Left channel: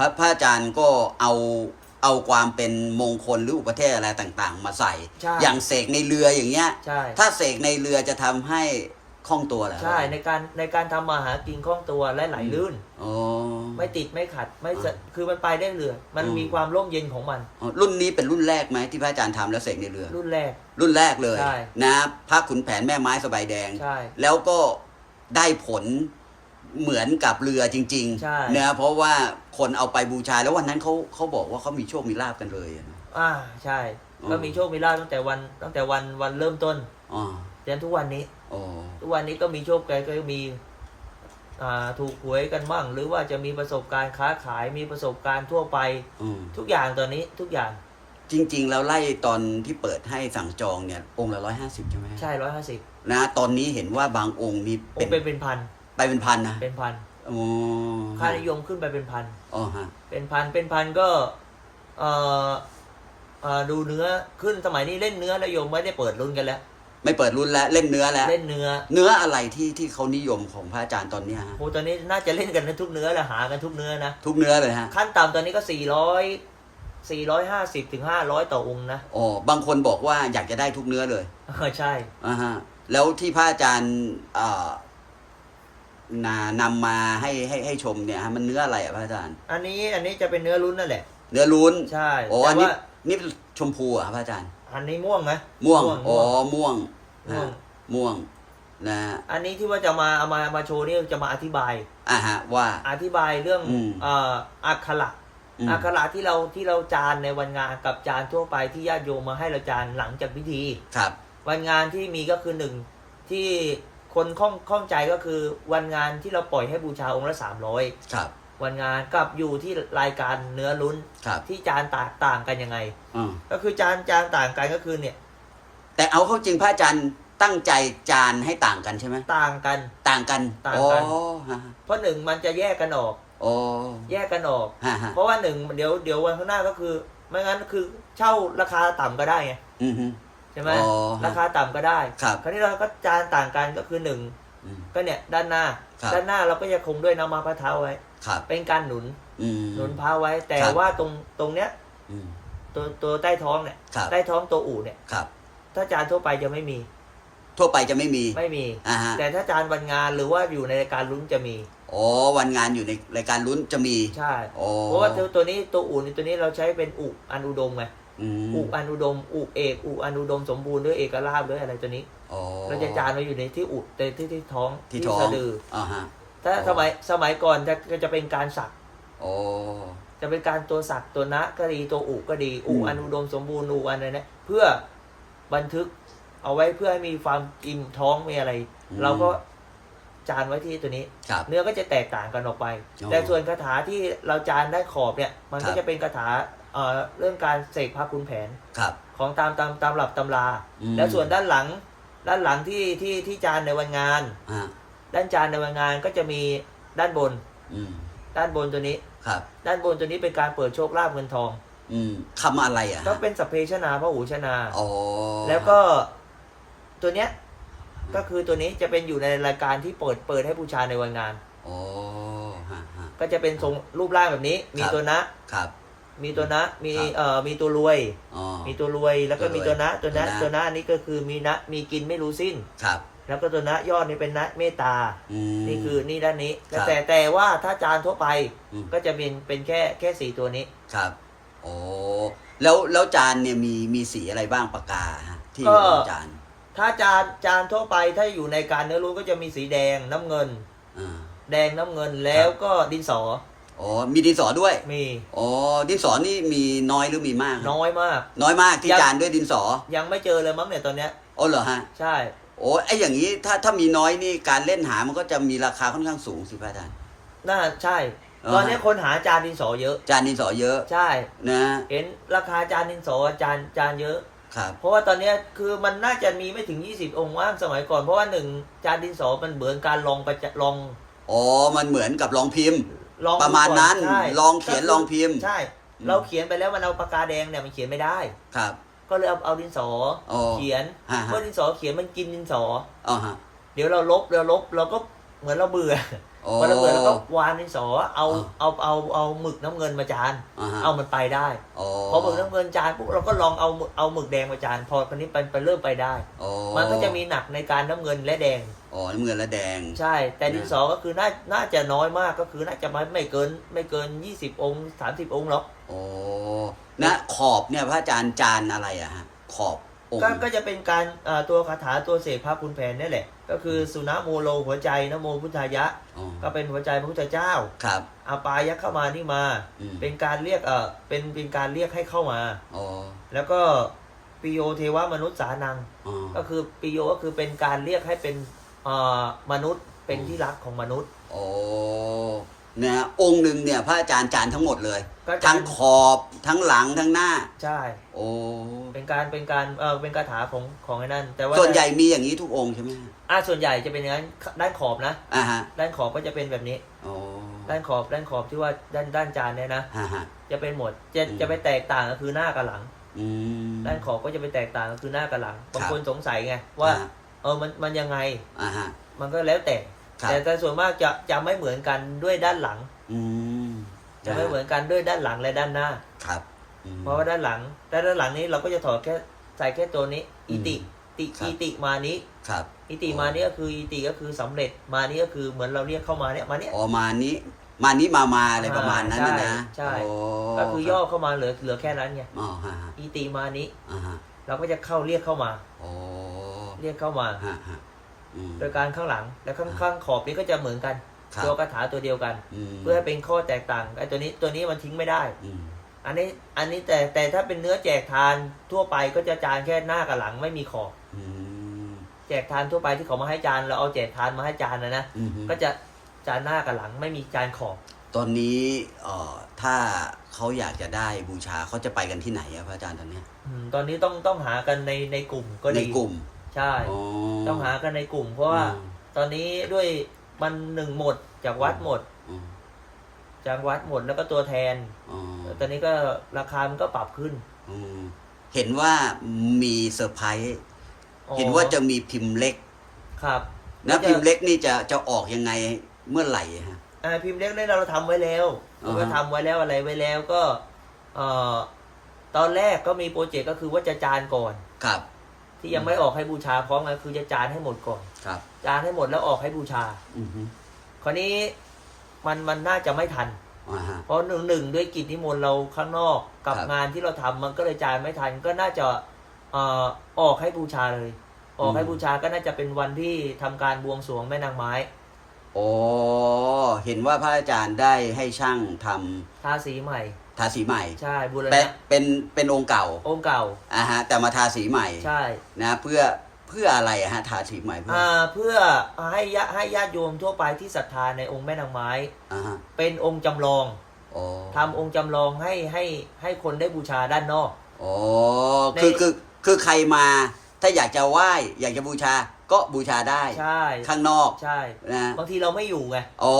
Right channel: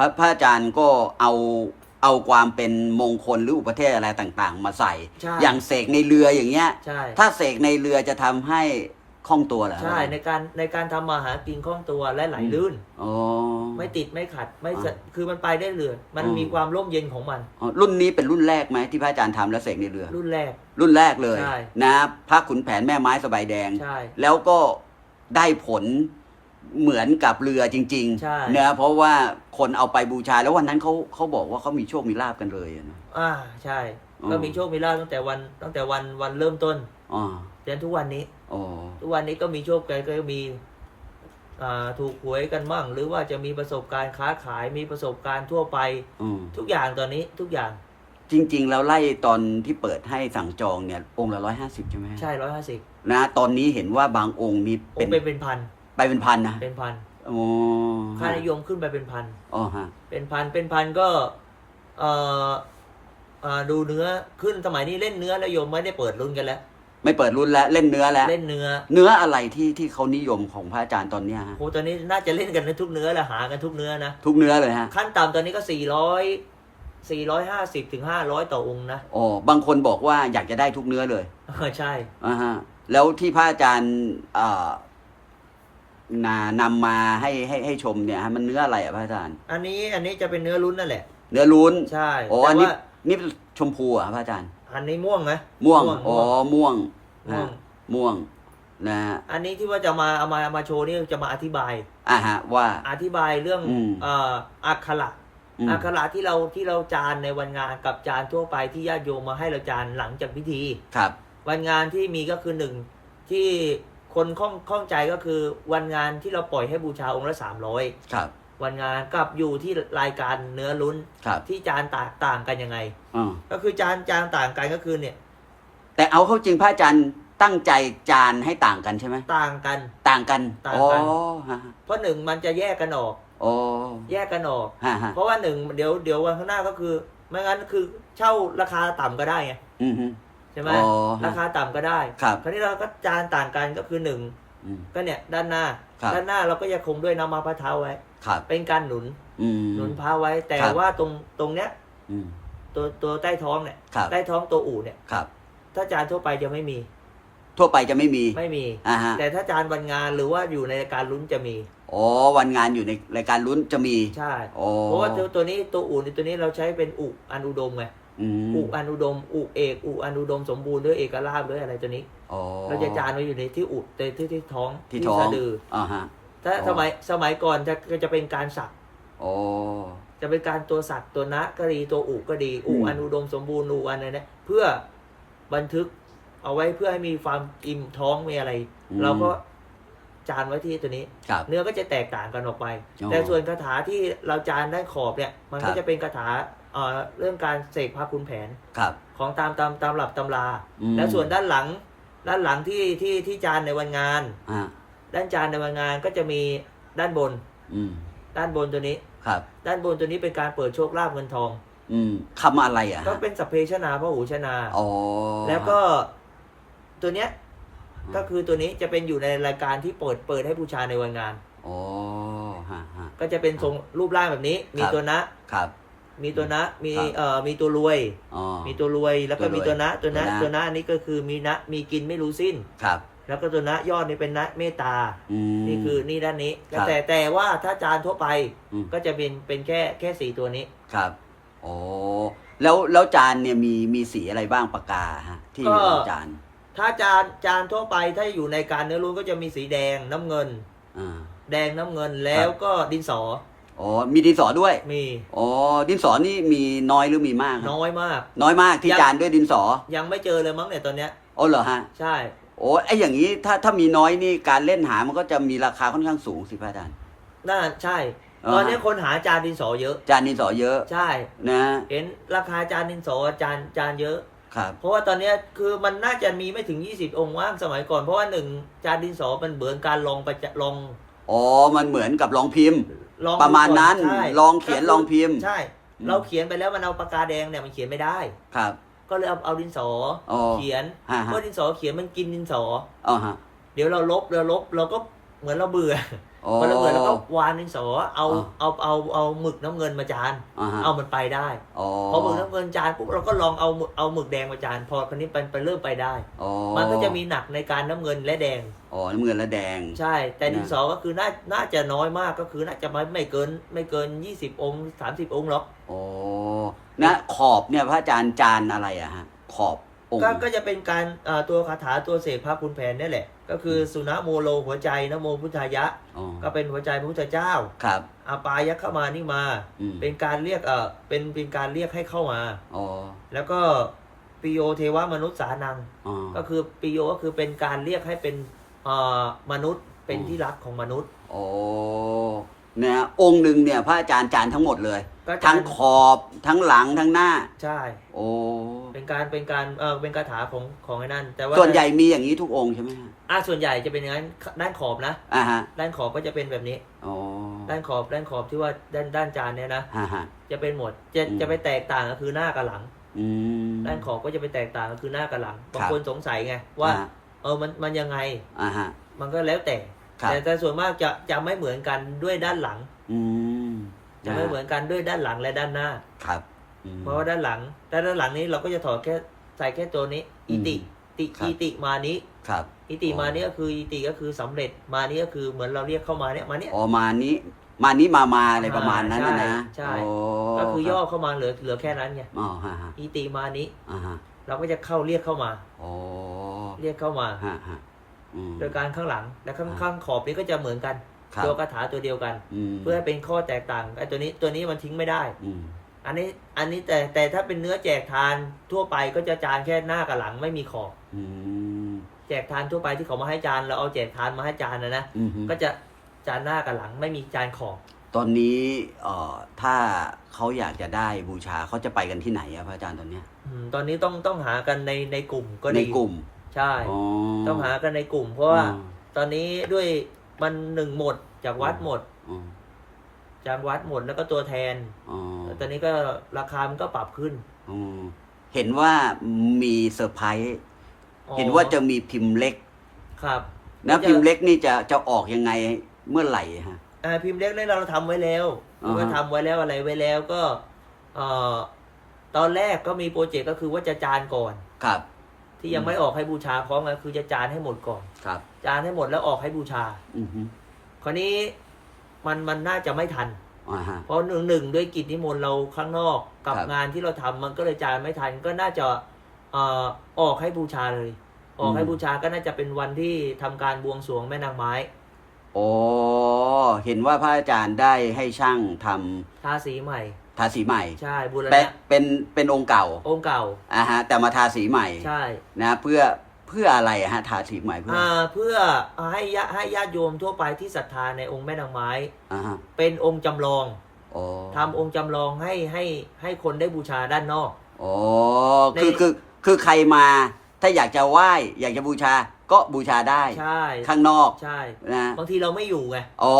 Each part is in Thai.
พระพระอาจารย์ก็เอาเอาความเป็นมงคลหรืออุปเทศอะไรต่างๆ มาใส่ ใช่อย่างเสกในเรืออย่างเงี้ย ใช่ ถ้าเสกในเรือจะทำให้คล่องตัวเหรอใช่ในการในการทำมาหากินคล่องตัวและไหลลื่น อ๋อ ไม่ติดไม่ขัดไม่สะอ๋อคือมันไปได้เรือมันอืม มีความร่มเย็นของมัน อ๋อรุ่นนี้เป็นรุ่นแรกไหมที่พระอาจารย์ทำแล้วเสกในเรือ รุ่นแรก รุ่นแรกเลยใช่นะพระขุนแผนแม่ไม้สบายแดง ใช่แล้วก็ได้ผลเหมือนกับเรือจริงใช่ ๆนะเพราะว่า คนเอาไปบูชา แล้ววันนั้นเขาเขาบอกว่าเขามีโชคมีลาบกันเลยอะนะ อ่าใช่ อืม ก็มีโชคมีลาภตั้งแต่วันตั้งแต่วันวันเริ่มต้นอ๋อจนทุกวันนี้ อ๋อทุกวันนี้ก็มีโชคแกก็มีอ่าถูกหวยกันบ้างหรือว่าจะมีประสบการณ์ค้าขายมีประสบการณ์ทั่วไป อืมทุกอย่างตอนนี้ทุกอย่างจริง ๆ แล้วไล่ตอนที่เปิดให้สั่งจองเนี่ยองค์ละร้อยห้าสิบใช่ไหมใช่ร้อยห้าสิบนะตอนนี้เห็นว่าบางองค์นี่โอ้เป็นเป็นเป็นพัน ไปเป็นพันนะเป็นพัน อ๋อค่านิยมขึ้นไปเป็นพัน อ๋อฮะเป็นพัน เป็นพันก็เอ่อเอ่อดูเนื้อขึ้นสมัยนี้เล่นเนื้อแล้วโยมไม่ได้เปิดรุ่นกันแล้ว ไม่เปิดรุ่นแล้วเล่นเนื้อแล้ว เล่นเนื้อเนื้ออะไรที่ที่เขานิยมของพระอาจารย์ตอนเนี้ยฮะโอ้ตอนนี้น่าจะเล่นกันในทุกเนื้อแหละหากันทุกเนื้อนะ ทุกเนื้อเลยฮะขั้นต่ำตอนนี้ก็สี่ร้อยสี่ร้อยห้าสิบถึงห้าร้อยต่อองค์นะ อ๋อบางคนบอกว่าอยากจะได้ทุกเนื้อเลยเออใช่อ่าฮะแล้วที่พระอาจารย์เอ่อ นานำมาให้ให้ให้ชมเนี่ยฮะมันเนื้ออะไรอะพระอาจารย์ อันนี้อันนี้จะเป็นเนื้อลุ้นนั่นแหละ เนื้อลุ้นใช่ โอ้แต่อันว่านี้นี่ชมพูอะพระอาจารย์ อันนี้ม่วงไหมม่วงม่วงอ๋อม่วงม่วง นะม่วงนะฮะอันนี้ที่ว่าจะมาเอามาเอามาโชว์นี่จะมาอธิบาย อ่าฮะว่า อธิบายเรื่องอืม เอ่ออักขระอืมอักขระที่เราที่เราจานในวันงานกับจานทั่วไปที่ญาติโยมมาให้เราจานหลังจากพิธี ครับ วันงานที่มีก็คือหนึ่งที่ คนข้องข้องใจก็คือวันงานที่เราปล่อยให้บูชาองค์ละสามร้อยครับ วันงานกับอยู่ที่รายการเนื้อลุ้นครับที่จานต่างต่างกันยังไง อืมก็คือจานจานต่างกันก็คือเนี่ยแต่เอาเข้าจริงพระอาจารย์ตั้งใจจานให้ต่างกันใช่ไหมต่างกัน ต่างกันต่างกันอ๋อฮะเพราะหนึ่งมันจะแยกกันออก โอ้แยกกันออก ฮะฮะเพราะว่าหนึ่งเดี๋ยวเดี๋ยววันข้างหน้าก็คือ ไม่งั้นคือเช่าราคาต่ำก็ได้ไง อืมฮึ ใช่ไหมอ๋อราคาต่ำก็ได้ ครับคราวนี้เราก็จานต่างกันก็คือหนึ่งอืม ก็เนี่ยด้านหน้า ครับ ด้านหน้าเราก็จะคงด้วยน้ำมาพระเท้าไว้ ครับเป็นการหนุนอืม หนุนพระไว้ แต่ครับ ว่าตรงตรงเนี้ยอืม ตัวตัวใต้ท้องเนี่ยครับ ใต้ท้องตัวอู่เนี่ย ครับ ถ้าจานทั่วไปจะไม่มีทั่วไปจะไม่มีไม่มี อ่าฮะแต่ถ้าจานวันงานหรือว่าอยู่ในรายการลุ้นจะมีอ๋อวันงานอยู่ในรายการลุ้นจะมีใช่โอ้เพราะว่าตัวตัวนี้ตัวอู่นี่ตัวนี้เราใช้เป็นอุอันอุดมไง อืมอุอันอุดม อุเอกอุอันอุดมสมบูรณ์ด้วยเอกราชด้วยอะไรตัวนี้อ๋อเราจะจานไว้อยู่ในที่อุแต่ที่ที่ท้องที่ท้องสะดืออ่าฮะถ้าอ๋อสมัยสมัยก่อนจะก็จะเป็นการสักโอ้จะเป็นการตัวสักตัวนะก็ดีตัวอุก็ดีอุอืมอันอุดมสมบูรณ์อุอันอะไรเนี่ยเพื่อบันทึกเอาไว้เพื่อให้มีความอิ่มท้องมีอะไร เราก็จานไว้ที่ตัวนี้ครับเนื้อก็จะแตกต่างกันออกไปอ๋อแต่ส่วนคาถาที่เราจานด้านขอบเนี่ย มันครัก็บจะเป็นคาถา เอ่อเรื่องการเสกพระคุณแผนครับ ของตามตามตามหลับตำรา อืม แล้วส่วนด้านหลังด้านหลังที่ที่ที่จานในวันงาน อ่าด้านจานในวันงานก็จะมีด้านบน อืมด้านบนตัวนี้ ครับ ด้านบนตัวนี้เป็นการเปิดโชคลาภเงินทอง อืมคำอะไรอะก็เป็นสัพเพชนาพระหูชนา อ๋อแล้วก็ตัวเนี้ยก็คือตัวนี้จะเป็นอยู่ในรายการที่เปิดเปิดให้บูชาในวันงาน อ๋อฮะฮะ ก็จะเป็นทรงรูปร่างแบบนี้ มีครับ ตัวนะครับ มีตัวนะ มีครับเอ่อมีตัวรวย อ๋อ มีตัวรวยแล้วก็ตัวรวยมีตัวนะตัวนะตัวนะตัวนะอันนี้ก็คือมีนะมีกินไม่รู้สิ้น ครับแล้วก็ตัวนะยอดนี่เป็นนะเมตตา อืม นี่คือนี่ด้านนี้ครับแต่แต่ว่าถ้าจานทั่วไปอืม ก็จะเป็นเป็นแค่แค่สีตัวนี้ ครับโอ้แล้วแล้วจานเนี่ยมีมีสีอะไรบ้างปากกาฮะที่ก็ อยู่ในจานถ้าจานจานทั่วไปถ้าอยู่ในการเนื้อรู้ก็จะมีสีแดงน้ำเงินอ่าแดงน้ำเงินแล้วก็ดินสอ อ๋อ มีดินสอด้วย มีอ๋อ ดินสอนี่มีน้อยหรือมีมาก น้อยมาก น้อยมากที่ยังจานด้วยดินสอ ยังไม่เจอเลยมั้งเนี่ยตอนเนี้ยอ๋อเหรอฮะ ใช่ โอ้ไอ้อย่างนี้ถ้าถ้ามีน้อยนี่การเล่นหามันก็จะมีราคาค่อนข้างสูงสิพระอาจารย์ น่าใช่อ่าตอนนี้คนหาจานดินสอเยอะ จานดินสอเยอะ ใช่ นะ เห็นราคาจานดินสอจานจานเยอะครับเพราะว่าตอนเนี้ยคือมันน่าจะมีไม่ถึง 20 องค์ว่างสมัยก่อน เพราะว่าหนึ่งจานดินสอมันเหมือนการลองประจะลองอ๋อ มันเหมือนกับลองพิมพ์ ลองประมาณดูก่อนั้น ใช่ลองเขียนก็คืลองพิมพ์ ใช่ อืม เราเขียนไปแล้วมันเอาปากกาแดงเนี่ยมันเขียนไม่ได้ ครับ ก็เลยเอาเอาดินสออ๋อเขียนฮะเมื่อฮะดินสอเขียนมันกินดินสออ๋อฮะ เดี๋ยวเราลบเราลบเราก็เหมือนเราเบื่อ อ๋อพอระเบิดแล้วก็วานดินสอเอาอ๋อเอาเอาเอาหมึกน้ำเงินมาจานอ่าฮะเอามันไปได้อ๋อพอหมึกน้ำเงินจานปุ๊บเราก็ลองเอาหมึกเอาหมึกแดงมาจาน พอคนนี้ไปไปเริ่มไปได้อ๋อมันก็จะมีหนักในการน้ำเงินและแดงอ๋อน้ำเงินและแดง ใช่ แต่ดินสอก็คือน่าน่าจะน้อยมากก็คือน่าจะไม่ไม่เกินไม่เกิน20องค์30องค์หรอกโอ้นะขอบเนี่ยพระอาจารย์จานอะไรอะฮะขอบองค์ก็ก็จะเป็นการเอ่อตัวคาถาตัวเสกพระคุณแผนนี่แหละ ก็คือสุนะโมโลหัวใจนะโมพุทธายะ อ๋อก็เป็นหัวใจพระพุทธเจ้าครับ อาปายะเข้ามานี่มา อืม เป็นการเรียกเออเป็นเป็นการเรียกให้เข้ามา อ๋อแล้วก็ปิโยเทวมนุษย์สานัง อ๋อก็คือปิโยก็คือเป็นการเรียกให้เป็นเอ่อมนุษย์เป็นที่รักของมนุษย์โอ้ เนี่ยองค์หนึ่งเนี่ยพระอาจารย์จานทั้งหมดเลยก็จาทั้นงขอบทั้งหลังทั้งหน้า ใช่ โอ้เป็นการเป็นการเออเป็นคาถาของของไอ้นั่น แต่ว่าส่วนใหญ่มีอย่างนี้ทุกองค์ใช่ไหมอ่าส่วนใหญ่จะเป็นอย่างนั้นด้านขอบนะ อ่าฮะด้านขอบก็จะเป็นแบบนี้ โอ้ด้านขอบด้านขอบที่ว่าด้านด้านจานเนี่ยนะฮะฮะ จะเป็นหมดจะอืม จะไปแตกต่างก็คือหน้ากับหลัง อืม ด้านขอบก็จะไปแตกต่างก็คือหน้ากับหลังบางครับคนสงสัยไงว่า อ่เออมันมันยังไง อ่าฮะมันก็แล้วแต่ ครับ แต่แต่ส่วนมากจะจะไม่เหมือนกันด้วยด้านหลัง อืมจะไม่เหมือนกันด้วยด้านหลังและด้านหน้า ครับอืม เพราะว่าด้านหลังด้านด้านหลังนี้เราก็จะถอดแค่ใส่แค่ตัวนี้ อิติ อืมติครับ อิติมานี้ ครับ อิติมานี้ก็คืออิติก็คือสำเร็จมานี้ก็คือเหมือนเราเรียกเข้ามาเนี่ยมาเนี่ย อ๋อมานี้ มานี้มามาอะไรประมาณนั้นใช่นะใช่โก็คือย่อเข้ามาเหลือเหลือแค่นั้นไงอ๋อฮะฮะอิติมานี้ อ่าฮะเราก็จะเข้าเรียกเข้ามา โอ้เรียกเข้ามา ฮะฮะอืม โดยการข้างหลังและข้างข้างขอบนี้ก็จะเหมือนกัน ครับตัวคาถาตัวเดียวกันมเพื่อให้เป็นข้อแตกต่างไอ้ตัวนี้ตัวนี้มันทิ้งไม่ได้อืมอันนี้อันนี้แต่แต่ถ้าเป็นเนื้อแจกทานทั่วไปก็จะจานแค่หน้ากับหลังไม่มีขอบอืมแจกทานทั่วไปที่เขามาให้จานเราเอาแจกทานมาให้จานนะนะอืมก็จะจานหน้ากับหลังไม่มีจานขอบ ตอนนี้เอ่อถ้าเขาอยากจะได้บูชาเขาจะไปกันที่ไหนอะพระอาจารย์ตอนเนี้ยอืมตอนนี้ต้องต้องหากันในในกลุ่มก็ในดีกลุ่ม ใช่ อ๋อต้องหากันในกลุ่ม เพราะว่าอืมตอนนี้ด้วยมันหนึ่งหมดจากวัดหมด อืมจากวัดหมดแล้วก็ตัวแทนอ๋อตอนนี้ก็ราคามันก็ปรับขึ้นอืมเห็นว่ามีเซอร์ไพรส์อ๋อเห็นว่าจะมีพิมพ์เล็กครับนะก็จะพิมพ์เล็กนี่จะจะออกยังไงเมื่อไหร่ฮะ อ่าพิมพ์เล็กเนี่ยเราทำไว้แล้วอ่าฮะเราก็ทำไว้แล้วอะไรไว้แล้วก็เอ่อตอนแรกก็มีโปรเจกต์ก็คือว่าจะจานก่อน ครับ ที่ยังไม่ออกให้บูชาพร้อมกันคือจะจานให้หมดก่อน ครับ จานให้หมดแล้วออกให้บูชา อือฮึคราวนี้มันมันน่าจะไม่ทัน อ่าฮะ เพราะหนึ่งหนึ่งด้วยกิจนิมนต์เราข้างนอกกับครับงานที่เราทำมันก็เลยจานไม่ทันก็น่าจะเอ่อออกให้บูชาเลย ออกให้บูชาก็น่าจะเป็นวันที่ทำการบวงสรวงแม่นางไม้ โอ้เห็นว่าพระอาจารย์ได้ให้ช่างทำทาสีใหม่ ทาสีใหม่ ใช่บูรแต่ณะเป็นเป็นองค์เก่าองค์เก่า อ่าฮะ แต่มาทาสีใหม่ใช่ นะเพื่อเพื่ออะไรอะฮะทาสีใหม่เพื่ออ่าเพื่อให้ญาให้ญาติโยมทั่วไปที่ศรัทธาในองค์แม่นางไม้ อ่าฮะเป็นองค์จำลองโอ้ทำองค์จำลองให้ให้ให้คนได้บูชาด้านนอก โอ้ในคือคือคือใครมา ถ้าอยากจะไหว้อยากจะบูชา ก็บูชาได้ใช่ข้างนอกใช่นะบางทีเราไม่อยู่ไงอ๋อ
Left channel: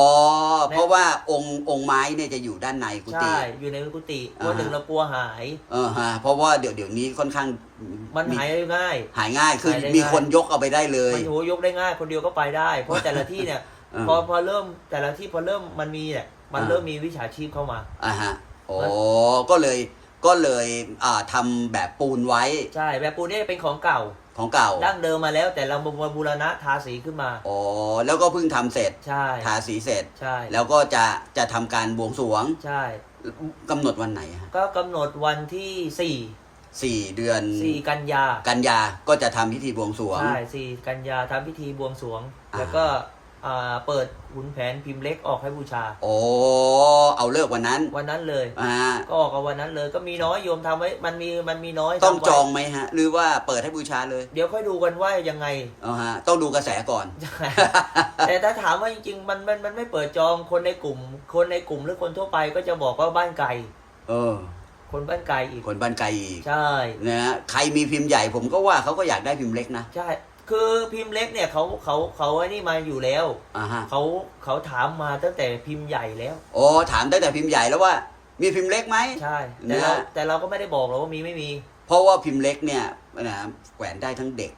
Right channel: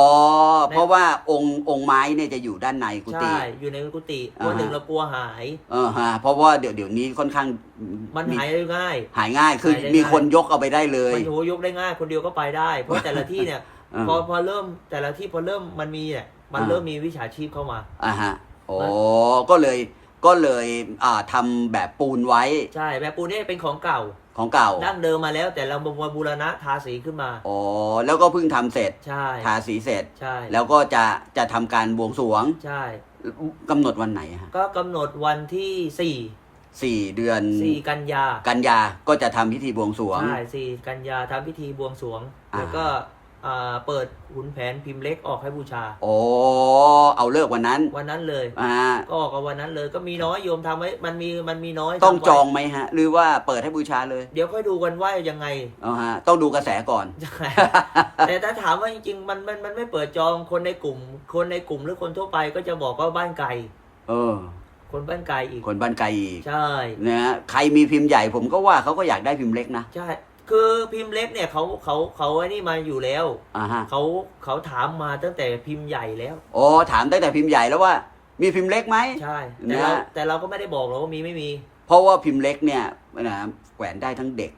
ในเพราะว่าองค์องค์ไม้เนี่ยจะอยู่ด้านในกุฏิใช่อยู่ในกุฏิเพราะอ่าฮะหนึ่งเรากลัวหายเออฮะเพราะว่าเดี๋ยวเดี๋ยวนี้ค่อนข้างมันหายได้ง่าย หายง่ายคือหายได้มีง่ายคนยกเอาไปได้เลยมันโหยกได้ง่าย คนเดียวก็ไปได้ เพราะแต่ละที่เนี่ยอืมพอพอเริ่มแต่ละที่พอเริ่มมันมีเนี่ยมันอ่าเริ่มมีวิชาชีพเข้ามาอ่าฮะโอ้มันก็เลย ก็เลยอ่าทำแบบปูนไว้ ใช่แบบปูนนี่เป็นของเก่าของเก่า ดั้งเดิมมาแล้วแต่เรามาบูรณะทาสีขึ้นมาโอ้แล้วก็เพิ่งทำเสร็จ ใช่ทาสีเสร็จ ใช่ แล้วก็จะจะทำการบวงสรวง ใช่กำหนดวันไหนฮะก็กำหนดวันที่สี่สี่เดือนสี่กันยา กันยาก็จะทำพิธีบวงสรวง ใช่สี่กันยาทำพิธีบวงสรวงอ่าแล้วก็ อ่าเปิดหุนแผนพิมพ์เล็กออกให้บูชา โอ้เอาเลิกวันนั้นวันนั้นเลย อ่าก็ออกกันวันนั้นเลยก็มีน้อยโยมทำไว้ มันมีมันมีน้อยต้องทำไว้จองไหมฮะ หรือว่าเปิดให้บูชาเลยเดี๋ยวค่อยดูกันว่ายังไง เอาฮะต้องดูกระแสก่อนใช่แต่ถ้าถามว่าจริงๆ มันมันมันไม่เปิดจองคนในกลุ่ม คนในกลุ่มหรือคนทั่วไปก็จะบอกว่าบ้านไกลเออ คนบ้านไกลอีกคนบ้านไกลอีกใช่นะฮะใครมีพิมพ์ใหญ่ผมก็ว่าเขาก็อยากได้พิมพ์เล็กนะ ใช่ คือพิมพ์เล็กเนี่ยเขาเขาเขาไอ้นี่มาอยู่แล้วอ่าฮะเขาเขาถามมาตั้งแต่พิมพ์ใหญ่แล้วโอ้ถามตั้งแต่พิมพ์ใหญ่แล้วว่า มีพิมพ์เล็กไหม ใช่ แต่เราแต่เราก็ไม่ได้บอกหรอกว่ามีไม่มี เพราะว่าพิมพ์เล็กเนี่ยนะแขวนได้ทั้งเด็ก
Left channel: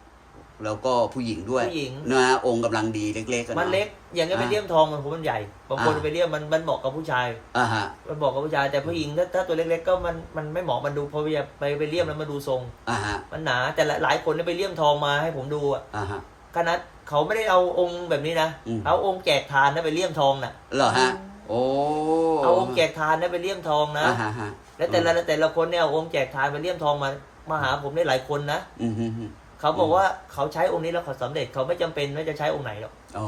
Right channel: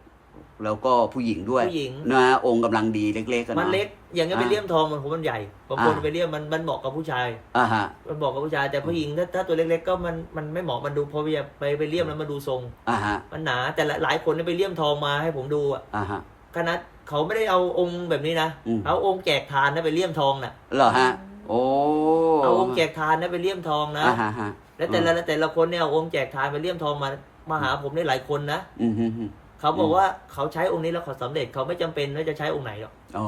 แล้วก็ผู้หญิงด้วยผู้หญิง นะองค์กำลังดีเล็กๆอะะ มันเล็ก อย่างเงี้ยไปอ่าเลี่ยมทองมันผมมันใหญ่บางคนอ่าไปเลี่ยมมันมันเหมาะกับผู้ชาย อ่าฮะมันเหมาะกับผู้ชายแต่ผู้หญิงถ้าถ้าตัวเล็กๆก็มันมันไม่เหมาะมันดูพอไปไปไปเลี่ยมแล้วมันดูทรง อ่าฮะมันหนาแต่ละหลายคนเนี่ยไปเลี่ยมทองมาให้ผมดูอะอ่าฮะขนาดเขาไม่ได้เอาองค์แบบนี้นะอืม เอาองค์แจกทานนะไปเลี่ยมทองน่ะเหรอฮะ โอ้เอาองค์แจกทานนะไปเลี่ยมทองนะ อ่าฮะฮะแล้วแต่ละแต่ละคนเนี่ยเอาองค์แจกทานไปเลี่ยมทองมามาหาผมได้หลายคนนะ อืมฮึฮึ เขาบอกว่าเขาใช้องค์นี้แล้วเขาสำเร็จเขาไม่จำเป็นว่าจะใช้องค์ไหนหรอกโอ้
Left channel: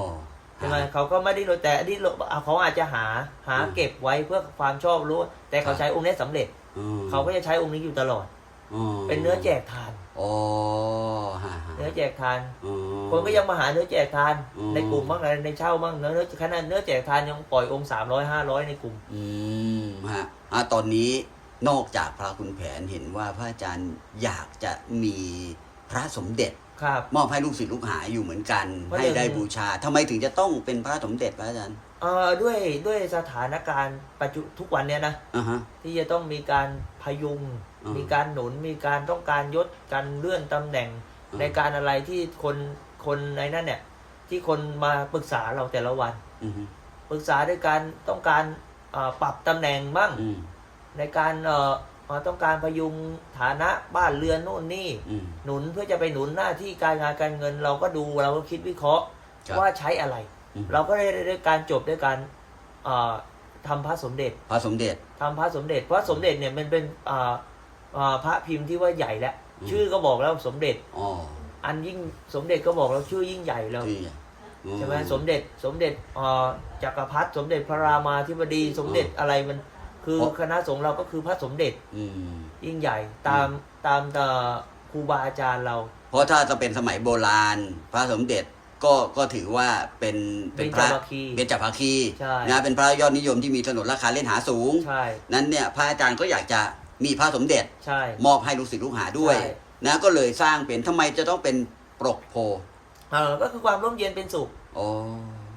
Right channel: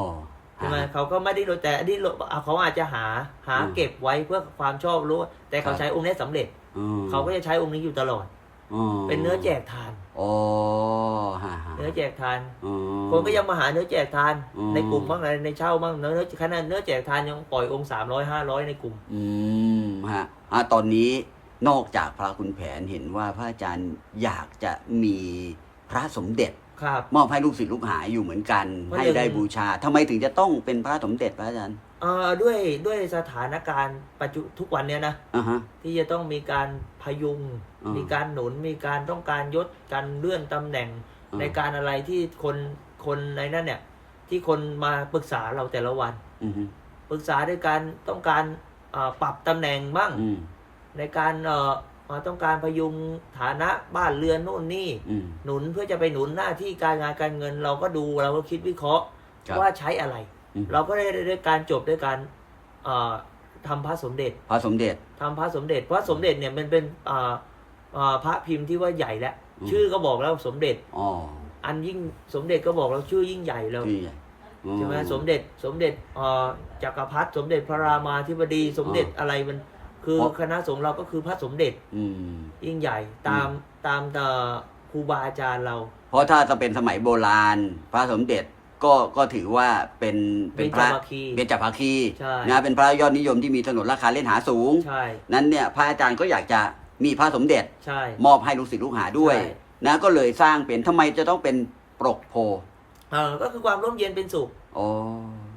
ใช่ไหมเขาก็ไม่ได้รู้แต่อันนี้เขาอาจจะหาหาอืมเก็บไว้เพื่อความชอบรู้ แต่เขาใช้องค์นี้สำเร็จอืมเขาก็จะใช้องค์นี้อยู่ตลอดอืมเป็นเนื้อแจกทานโอ้ฮะฮะเนื้อแจกทานอืมคนก็ยังมาหาเนื้อแจกทานอืมในกลุ่มบ้างอะไรในเช่าบ้างเนื้อเนื้อขนาดเนื้อแจกทานยังปล่อยองค์สามร้อยห้าร้อยในกลุ่ม อืมฮะอะตอนนี้นอกจากพระคุณแผนเห็นว่าพระอาจารย์อยากจะมีพ ระสมเด็จครับ มอบให้ลูกศิษย์ลูกหาอยู่เหมือนกันเพราะให้หนึ่งได้บูชาทำไมถึงจะต้องเป็นพระสมเด็จพระอาจารย์เอ่อด้วยด้วยสถานการณ์ปัจจุทุกวันเนี้ยนะ อ่าฮะ ที่จะต้องมีการพยุง อืมมีการหนุน มีการต้องการยศ การเลื่อนตำแหน่ง อืม ในการอะไรที่คนคนในนั้นเนี่ย ที่คนมาปรึกษาเราแต่ละวัน อืมฮึปรึกษาด้วยการต้องการเอ่อปรับตำแหน่งบ้าง อืมในการเอ่อเอ่อต้องการพยุงฐานะบ้านเรือนโน่นนี่ อืม หนุนเพื่อจะไปหนุนหน้าที่การงานการเงิน เราก็ดูเราก็คิดวิเคราะห์ครับว่าใช้อะไร อืม เราก็ได้ได้การจบด้วยการเอ่อทำพระสมเด็จพระสมเด็จ ทำพระสมเด็จเพราะสมเด็จเนี่ยมันเป็นอ่าอ่าพระพิมพ์ที่ว่าใหญ่แล้วอืม ชื่อก็บอกแล้วสมเด็จ อ๋ออันยิ่งสมเด็จก็บอกเราชื่อยิ่งใหญ่แล้วที่อะอื ใช่ไหมสมเด็จสมเด็จอ่าจักรพรรดิสมเด็จพระรามาธิบดีสมเด็จอะไรมัน คือคณะสงฆ์เราก็คือพระสมเด็จอืม ยิ่งใหญ่ตามตามเอ่อครูบาอาจารย์เรา เพราะถ้าจะเป็นสมัยโบราณ พระสมเด็จก็ก็ถือว่าเป็นเป็นพระจามัคคีเป็นจักรภาคีใช่ นะเป็นพระยอดนิยมที่มีถนนราคาเล่นหาสูง ใช่นั้นเนี่ยพระอาจารย์ก็อยากจะมีพระสมเด็จใช่ มอบให้ลูกศิษย์ลูกหาด้วยใช่ นะก็เลยสร้างเป็นทำไมจะต้องเป็นปรกโพเออก็คือความร่มเย็นเป็นสุขโอ้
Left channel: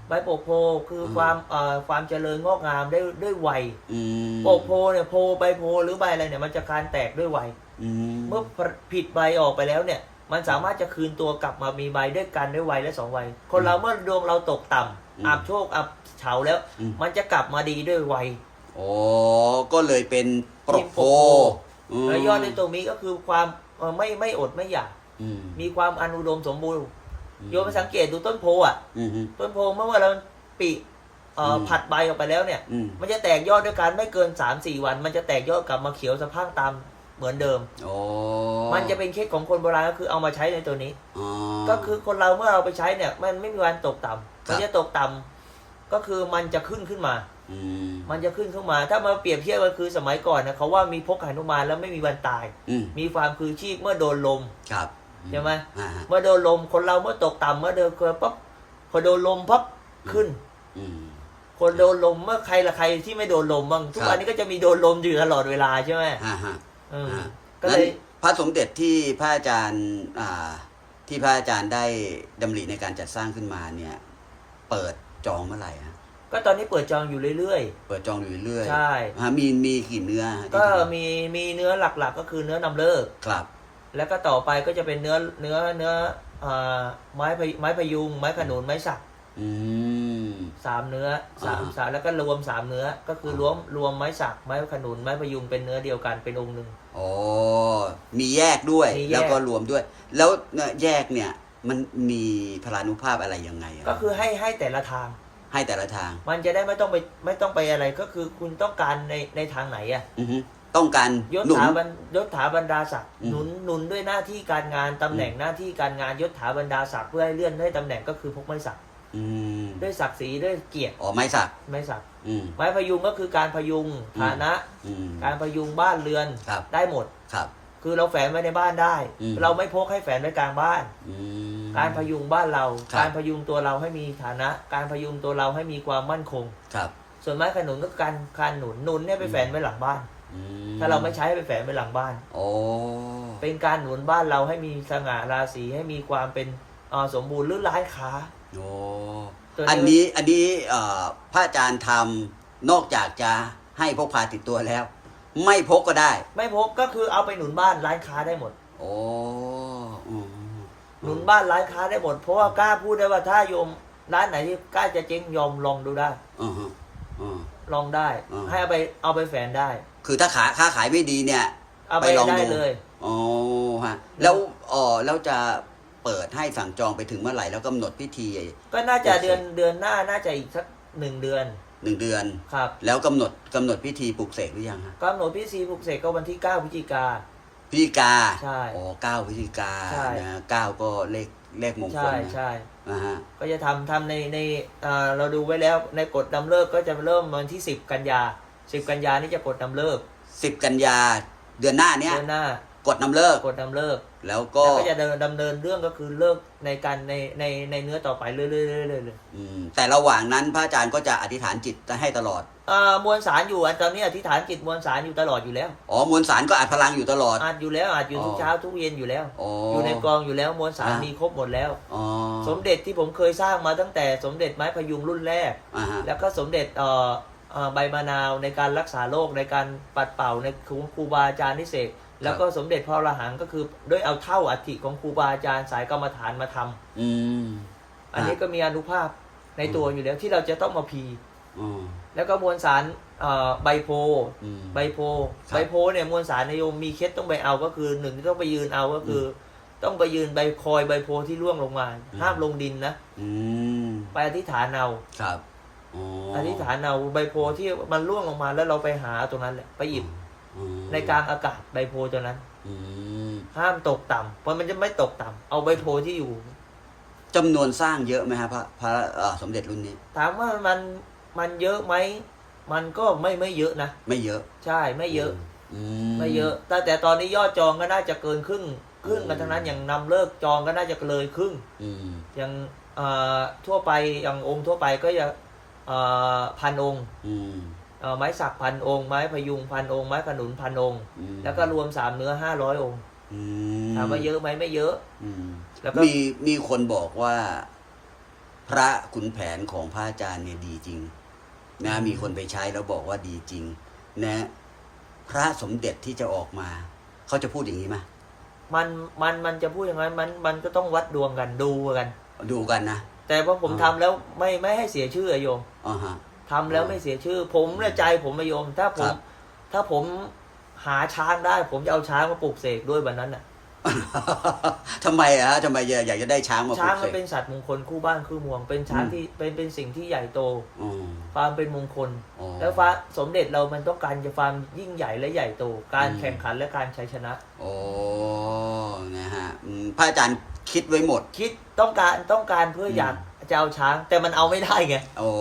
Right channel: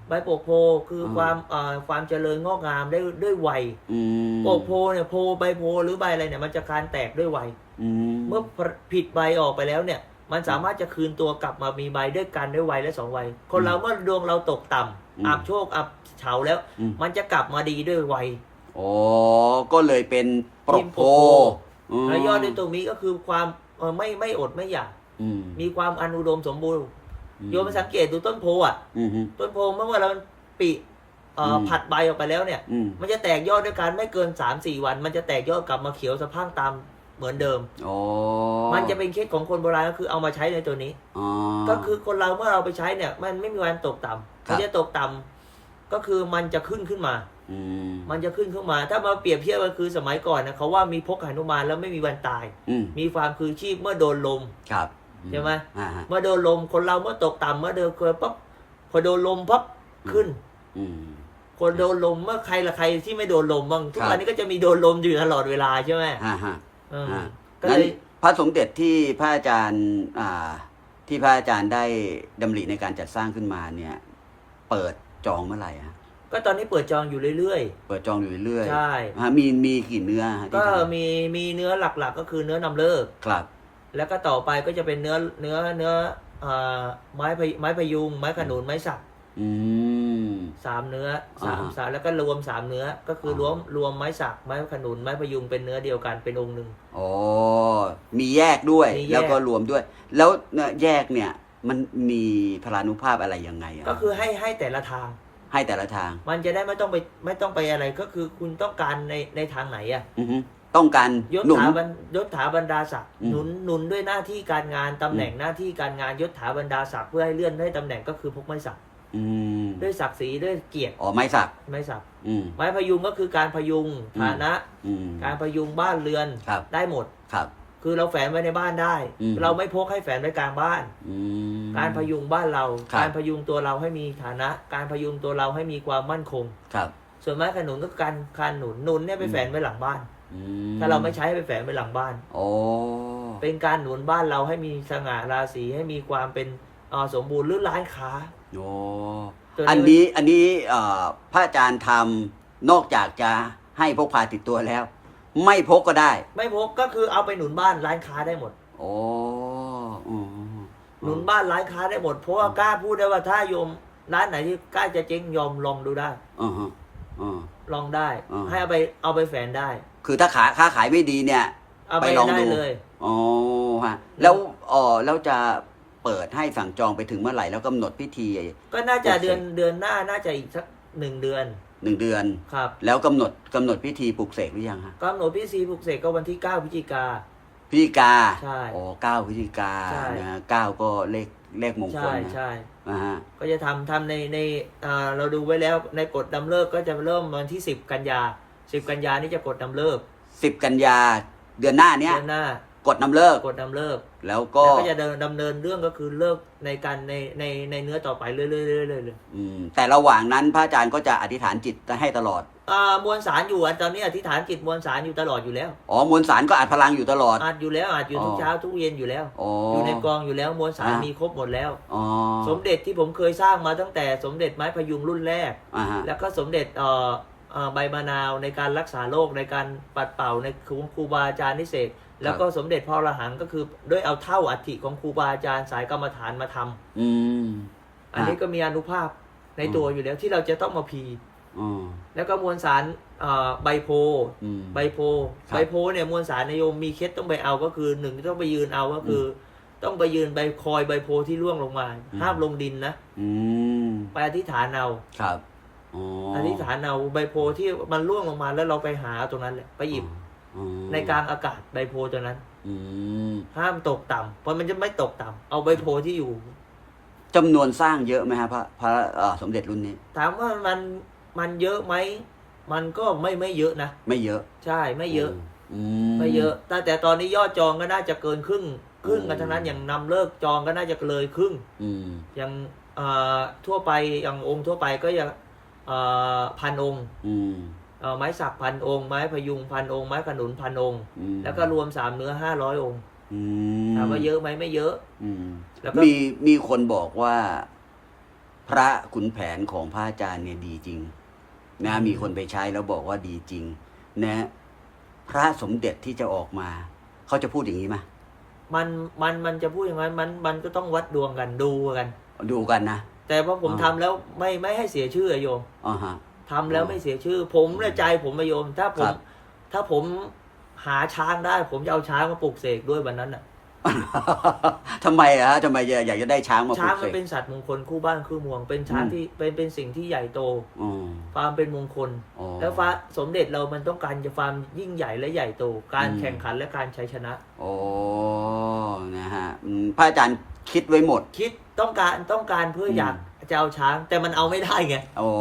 ใบโปกโพคืออม ความเอ่อความเจริญงอกงามได้ด้วยวัยอืมโปกโพเนี่ยโพใบโพหรือใบอะไรเนี่ยมันจะการแตกด้วยวัยอืมเมื่อผิดใบออกไปแล้วเนี่ย มันสามารถจะคืนตัวกลับมามีใบด้วยกันด้วยวัยและสองวัยคนเราเมื่อดวงเราตกต่ำอับโชคอับเฉาแล้ว อืมมันจะกลับมาดีด้วยวัยโอ้ก็เลยเป็นปรกโพทีมปรกโพมและยอดในตรงนี้ก็คือความเอ่อไม่ไม่อดไม่อยากอืมมีความอนุดมสมบูรณ์ โยมไปสังเกตดูต้นโพอะอืมฮึต้นโพเมื่อเราปีเอ่ออมผัดใบออกไปแล้วเนี่ยอืมมันจะแตกยอดด้วยกันไม่เกิน3าสี่วัน มันจะแตกยอดกลับมาเขียวสะพรังตามเหมือนเดิมโอ้มันจะเป็นเคสของคนโบราณก็คือเอามาใช้ในตัวนี้อ๋อก็คือคนเราเมื่อเราไปใช้เนี่ย มันไม่มีวันตกต่ำครับมันจะตกต่ำก็คือมันจะขึ้นขึ้นมาอืมมันจะขึ้นขึ้นมา ถ้ามาเปรียบเทียบก็คือสมัยก่อนนะเขาว่ามีพกหนุมานแล้วไม่มีวันตายอืมมีความคือชีพเมื่อโดนลมครับ ใช่ไหมอ่าฮะเมื่อโดนลมคนเราเมื่อตกต่ำเมื่อเดินเกินปั๊บพอโดนลมปั๊บขึ้นอืมคนโดนลมเมื่อใครละใครที่ไม่โดนลมบ้างทุกครับวันนี้ก็จะมีโดนลมอยู่ตลอดเวลาใช่ไหมฮะฮะอืมอ่าก็เลยงั้นพระสมเด็จที่พระอาจารย์อ่าที่พระอาจารย์ได้ดำริในการจัดสร้างขึ้นมาเนี่ย เปิดจองเมื่อไหร่ฮะก็ตอนนี้เปิดจองอยู่เรื่อยเปิดจองอยู่เรื่อยๆ ใช่ฮะมีมีกี่เนื้อฮะที่ก็ทำมีมีเนื้อหลักๆ ก็คือเนื้อนำเลิก ครับ แล้วก็ต่อไปก็จะเป็นเนื้อเนื้อเนื้ออ่าไม้พยไม้พยุง ไม้ขนุนไม้สักอืมสามเนื้อสามอ่าสามแล้วก็รวมสามเนื้อ ก็คือรวมรวมไม้สักไม้ขนุนไม้พยุงเป็นเนื้อเดียวกันเป็นองค์หนึ่งอ๋อมีแยกด้วยมีแยกแล้วก็รวมด้วย แล้วเนี่ยแยกเนี่ยมันมีพลานุภาพอะไรยังไงอะก็คือให้ให้แต่ละทาง ให้แต่ละทาง มันจะได้ไม่ต้องไปไม่ต้องไปอะไรก็คือคุณต้องการในในทางไหนอะอือฮึ ต้องการยศหนุน ถาบรรยศถาบรรดาศักดิ์อืม หนุนหนุนด้วยหน้าที่การงานตำแหน่งหน้าที่การงานยศถาบรรดาศักดิ์เพื่อให้เลื่อนให้ตำแหน่งก็คือพกไม้สักอืมด้วยศักดิ์ศรีด้วยเกียรติอ๋อไม้สักไม้สักอืม ไม้พยุงก็คือการพยุงฐานะ อืม การพยุงบ้านเรือนครับ ได้หมด ครับ คือเราแฝนไว้ในบ้านได้ อืม เราไม่พกให้แฝนไว้กลางบ้าน อืม การพยุงบ้านเรา ครับ การพยุงตัวเราให้มีฐานะ การพยุงตัวเราให้มีความมั่นคง ครับ ส่วนไม้ขนุนก็การการหนุนหนุนเนี่ยไปแฝนไว้หลังบ้านอื ถ้าเราไม่ใช้ให้ไปแฝนไว้หลังบ้านโอ้เป็นการหนุนบ้านเราให้มีสง่าราศีให้มีความเป็นเอ่อสมบูรณ์หรือร้านค้าโอ้ตัวนี้อันนี้อันนี้เอ่อพระอาจารย์ทำนอกจากจะให้พกพาติดตัวแล้ว ไม่พกก็ได้ ไม่พกก็คือเอาไปหนุนบ้านร้านค้าได้หมด โอ้อืมหนุนบ้านร้านค้าได้หมด เพราะว่ากล้าพูดได้ว่าถ้าโยมร้านไหนที่กล้าจะเจ๊งยอมลองดูได้อือฮะอือลองได้อืมให้เอาไปเอาไปแฝนได้ คือถ้าขาค้าขายไม่ดีเนี่ย เอาไปไปลองดูได้เลย อ๋อฮะแล้วอ๋อแล้วจะเปิดให้สั่งจองไปถึงเมื่อไหร่แล้วกำหนดพิธี ก็น่าจะโอเคเดือนเดือนหน้าน่าจะอีกสักหนึ่งเดือนหนึ่งเดือนครับ แล้วกำหนดกำหนดพิธีปลุกเสกหรือยังฮะกำหนดพิธีปลุกเสกก็วันที่9พฤศจิกาพฤศจิกาใช่โอ้เก้าพฤศจิกาใช่นะฮะเก้าก็เลขเลขมงคลใช่นะใช่อ่าฮะก็จะทำทำในในเอ่อเราดูไว้แล้วในกฎดำเลิกก็จะเริ่มวันที่10กันยา 10กันยานี่จะกดดำเลิกสิบกันยาเดือนหน้าเนี้ยเดือนหน้ากดนำเลิกกดดำเลิก แล้วก็แล้วก็จะเดินดำเนินเรื่องก็คือเลิกในการในในในเนื้อต่อไปเรื่อยๆเรื่อยๆเรื่อยอืมแต่ระหว่างนั้นพระอาจารย์ก็จะอธิษฐานจิตให้ตลอดๆอ่ามวลสารอยู่อันตอนนี้อธิษฐานจิตมวลสารอยู่ตลอดอยู่แล้วอ๋อมวลสารก็อัดพลังอยู่ตลอดอาจอยู่แล้วอาจอยู่ทุกอ๋อเช้าทุกเย็นอยู่แล้วอ๋อออยู่ในกองอยู่แล้วมวลสารอ่ามีมีครบหมดแล้วอ๋อสมเด็จที่ผมเคยสร้างมาตั้งแต่สมเด็จไม้พยุงรุ่นแรกอ่าฮะแล้วก็สมเด็จเอ่อเอ่อ ใบมะนาวในการรักษาโรคในการปัดเป่าในครูครูบาอาจารย์นิเศษแล้วก็สมเด็จพ่อระหังก็คือด้วยเอาเท่าอัฐิของครูบาอาจารย์สายกรรมฐานมาทำอืมอันนี้ก็มีอนุภาพในตัวอยู่แล้วที่เราจะต้องมาพีอืมแล้วก็มวลสารเอ่อใบโพอืมใบโพครับใบโพเนี่ยมวลสารในโยมมีเคล็ดต้องไปเอาก็คือหนึ่งที่ต้องไปยืนเอาก็คืออต้องไปยืนใบคอยใบโพที่ร่วงลงมาอืมห้ามลงดินนะอืมไปอธิษฐานเอาครับ อ๋อออธิษฐานเอาใบโพที่มันร่วงลงมาแล้วเราไปหาตรงนั้นแหละไปหยิบอืมในกลางอากาศใบโพตัวนั้นอืมห้ามตกต่ำเพราะมันจะไม่ตกต่ำเอาใบโพที่อยู่จำนวนสร้างเยอะไหมครับพระพระเอ่อสมเด็จรุ่นนี้ ถามว่ามันมันเยอะไหมมันก็ไม่ไม่เยอะนะไม่เยอะ ใช่ไม่เยอะอืไม่เยอะแต่แต่ตอนนี้ยอดจองก็น่าจะเกินครึ่งครึ่งกันทั้งนั้นอย่างนำเลิกจองก็น่าจะเลยครึ่งอืมอย่างเอ่อทั่วไปอย่างองค์ทั่วไปก็จะเอ่อ พันองค์อืมเอ่อไม้สักพันองค์ ไม้พยุงพันองค์ ไม้ขนุนพันองค์อืมแล้วก็รวมสามเนื้อห้าร้อยองค์อืถามว่าเยอะไหมไม่เยอะอืมแล้วก็มีมีคนบอกว่า พระขุนแผนของพระอาจารย์เนี่ยดีจริง นะมีคนไปใช้แล้วบอกว่าดีจริง นะ พระสมเด็จที่จะออกมา เขาจะพูดอย่างนี้ไหมมันมันมันจะพูดอย่างนั้นมันมันก็ต้องวัดดวงกันดูกัน ดูกันนะ แต่ว่าผมอืมทำแล้วไม่ไม่ให้เสียชื่ออะโยมอ่าฮะ ทำแล้วไม่เสียชื่อ ผมและใจผมอะโยม ถ้าผม ครับ ถ้าผมหาช้างได้ ผมจะเอาช้างมาปลูกเสกด้วยวันนั้นน่ะ ทำไมอะฮะทำไมอยากจะได้ช้างมาช้างมันปลูกสกเป็นสัตว์มงคลคู่บ้านคู่เมือง เป็นช้างอืมที่เป็นเป็นสิ่งที่ใหญ่โต อืม ความเป็นมงคล อ๋อแล้วฟ้าสมเด็จเรามันต้องการจะความยิ่งใหญ่และใหญ่โต การอืม แข่งขันและการชัยชนะ โอ้นะฮะอืมพระอาจารย์ คิดไว้หมด คิดต้องการต้องการเพื่ออมอยากจะเอาช้าง แต่มันเอาไม่ได้ไงโอ้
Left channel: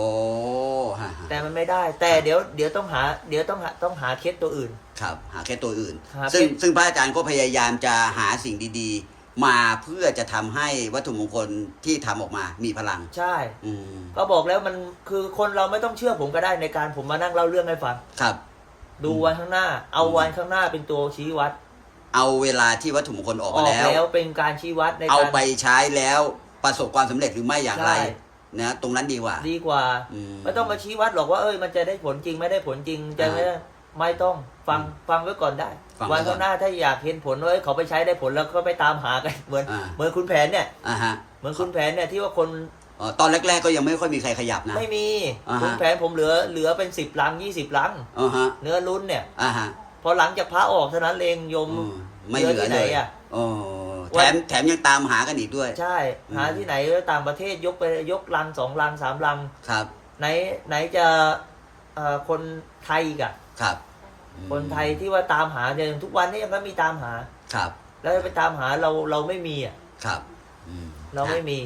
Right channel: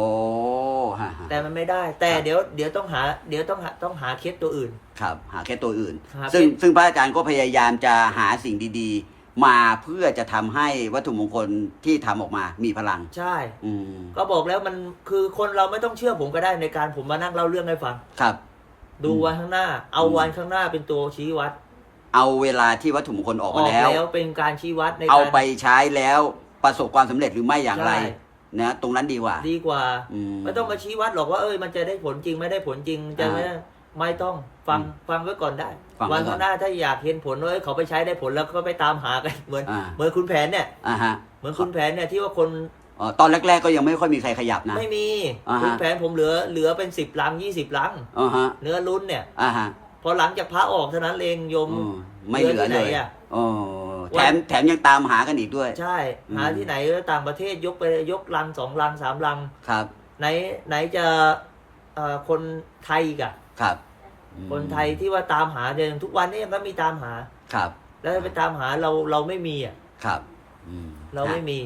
ฮะฮะแต่มันไม่ได้ แต่เดี๋ยวเดี๋ยวต้องหา เดี๋ยวต้องหาต้องหาเคสตัวอื่น ครับ หาแค่ตัวอื่นหาซึ่งเป็นซึ่งพระอาจารย์ก็พยายามจะหาสิ่งดีๆ มาเพื่อจะทำให้วัตถุมงคลที่ทำออกมามีพลัง ใช่ อืมก็บอกแล้วมันคือคนเราไม่ต้องเชื่อผมก็ได้ในการผมมานั่งเล่าเรื่องให้ฟัง ครับ ดูอืมวันข้างหน้า เอาอืมวันข้างหน้าเป็นตัวชี้วัด เอาเวลาที่วัตถุมงคลออกอมาอกแล้แล้ววเป็นการชี้วัดในเอาการไปใช้แล้วประสบความสำเร็จหรือไม่อย่างไรใช่นะตรงนั้นดีกว่า ดีกว่า อืไม่ต้องมาชี้วัดหรอกว่าเอ้ยมันจะได้ผลจริงไม่ได้ผลจริงจะไม่ได้ไม่ต้องฟังอืมฟังไว้ก่อนได้ ฟังไว้วันข้างหน้าถ้าอยากเห็นผลว่าเอ้ยเขาไปใช้ได้ผลแล้วก็ไปตามหากัน เหมือนอ่า เหมือนคุณแผนเนี่ยอ่าฮะเหมือนคุณแผนเนี่ยที่ว่าคนอ๋อตอนแรก ๆ ก็ยังไม่ค่อยมีใครขยับนะ ไม่มีอ่าฮะ คุณแผนผมเหลือเหลือเป็นสิบลังยี่สิบลัง อ่าฮะเนื้อลุ้นเนี่ย อ่าฮะพ อหลังจากพระออกเท่านั้นเองโยมอืมไม่เหลือเหลือที่ไหนเลยอะโอ้วัแถนมแถมยังตามหากันอีกด้วย ใช่หาอืมที่ไหนต่างประเทศยกไปยกลังสองลังสามลัง ครับไหนไหนจะเอ่อคนไทยอีกอะครับอืมคนไทยที่ว่าตามหาจนทุกวันนี้ยังก็มีตามหา ครับแล้วไปตามหาเราเราไม่มีอะ ครับอืมเราไม่มี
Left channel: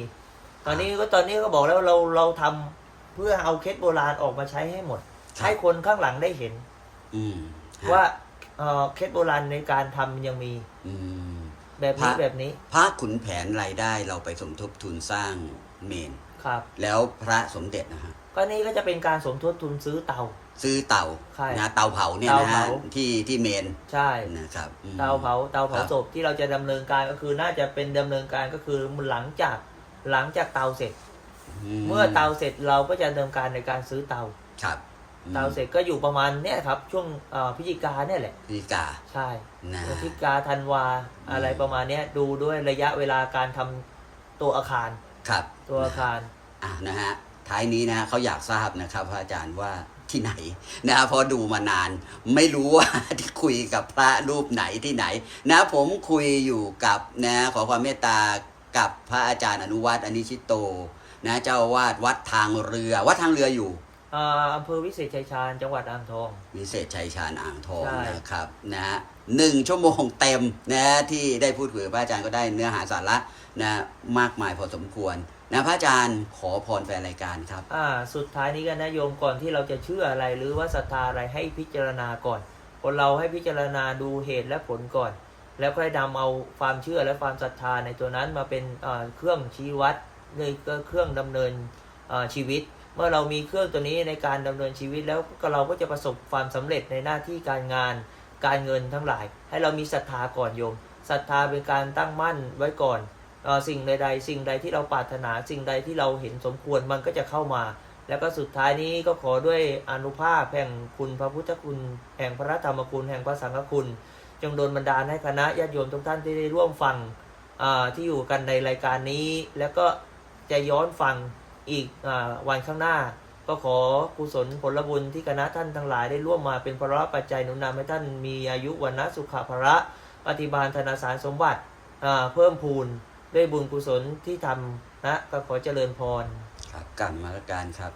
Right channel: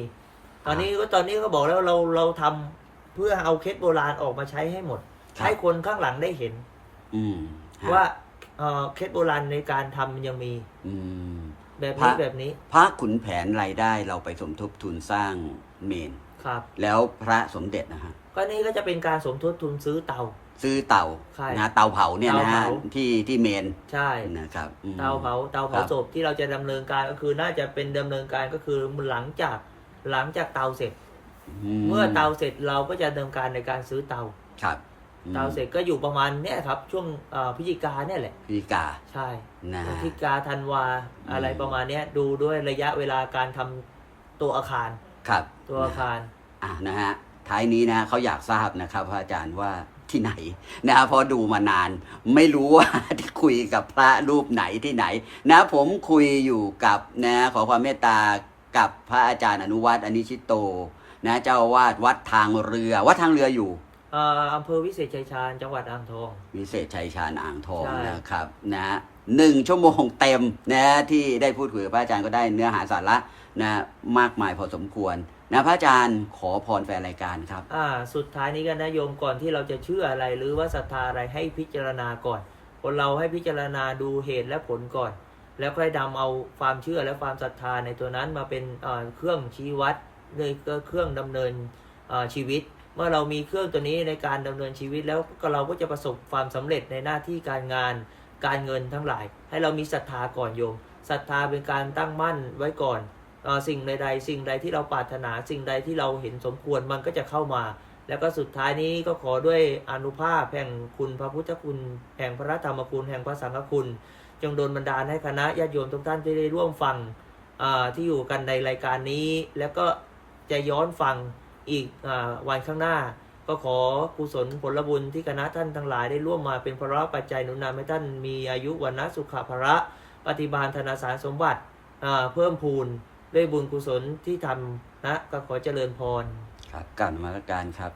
ตอนนี้ก็ตอนนี้ก็บอกแล้วเราเราทำเพื่อเอาเคสโบราณออกมาใช้ให้หมด ให้คนข้างหลังได้เห็น อืมว่า เอ่อเคสโบราณในการทำยังมีอืม แบบนี้พระ แบบนี้พระขุนแผนรายได้เราไปสมทบทุนสร้างเมน ครับ แล้วพระสมเด็จนะฮะก็นี่ก็จะเป็นการสมทบทุนซื้อเตา ซื้อเตาใช่นะเตาเผาเนี่ยเตานะฮะเผา ที่ที่เมนใช่ นะครับอืม เตาเผาเตาเผาครับ ศพที่เราจะดำเนินการก็คือน่าจะเป็นดำเนินการก็คือหลังจากหลังจากเตาเสร็จ เมื่อเตาเสร็จเราก็จะดำเนินการในการซื้อเตา ครับ อืมเตาเสร็จก็อยู่ประมาณเนี้ยครับ ช่วงเอ่อพฤศจิกาเนี่ยแหละพิกาใช่นะพฤศจิกาธันวาอะไรประมาณเนี้ยดูด้วยระยะเวลาการทำตัวอาคารครับตัวอาคารอะนะฮะท้ายนี้นะเขาอยากทราบนะครับพระอาจารย์ว่าที่ไหนนะเพอดูมานาน ไม่รู้ว่าที่คุยกับพระรูปไหนที่ไหน นะผมคุยอยู่กับนะขอความเมตตากับพระอาจารย์อนุวัตอนิชิตโต นะเจ้าอาวาดวัดทางเรือวัดทางเรืออยู่เอ่ออำเภอวิเศษชัยชาญจังหวัดอ่างทอง วิเศษชัยชาญอ่างทองใช่ นะครับนะฮะหนึ่งชั่วโมงเต็มนะที่ได้พูดคุยกับพระอาจารย์ก็ได้เนื้อหาสาระนะมากมายพอสมควรนะพระอาจารย์ขอพรแฟนรายการครับ อ่าสุดท้ายนี้กันนะโยมก่อนที่เราจะเชื่ออะไร หรือว่าศรัทธาอะไรให้พิจารณาก่อนคนเราให้พิจารณาดูเหตุและผลก่อน แล้วค่อยนำเอาความเชื่อและความศรัทธาในตัวนั้นมาเป็นเอ่อเครื่องชี้วัดเลยก็เครื่องดำเนินเอ่อชีวิต เมื่อเรามีเครื่องตัวนี้ในการดำเนินชีวิตแล้วเราก็จะประสบความสำเร็จในหน้าที่การงานการเงินทั้งหลาย ให้เรามีศรัทธาก่อนโยมศรัทธาเป็นการตั้งมั่นไว้ก่อนสิ่งใดๆสิ่งใดที่เราปรารถนาสิ่งใดที่เราเห็นสมควรมันก็จะเข้ามา แล้วก็สุดท้ายนี้ก็ขอด้วยอนุภาพแห่งคุณพระพุทธคุณ แห่งพระธรรมคุณแห่งพระสังฆคุณ จงโดนบันดาลให้คณะญาติโยมทุกท่านที่ได้ร่วมฟังที่อยู่กันในรายการนี้ แล้วก็จะย้อนฟัง อีกอวันข้างหน้า ก็ขอกุศลผลบุญที่คณะท่านทั้งหลายได้ร่วมมาเป็นพระปัจจัยหนุนนำให้ท่านมีอายุวันนะสุขภระปฏิบาลธนาสารสมบัติเพิ่มพูนด้วยบุญกุศลที่ทำนะก็ขอเจริญพร ครับกลับมาละการครับ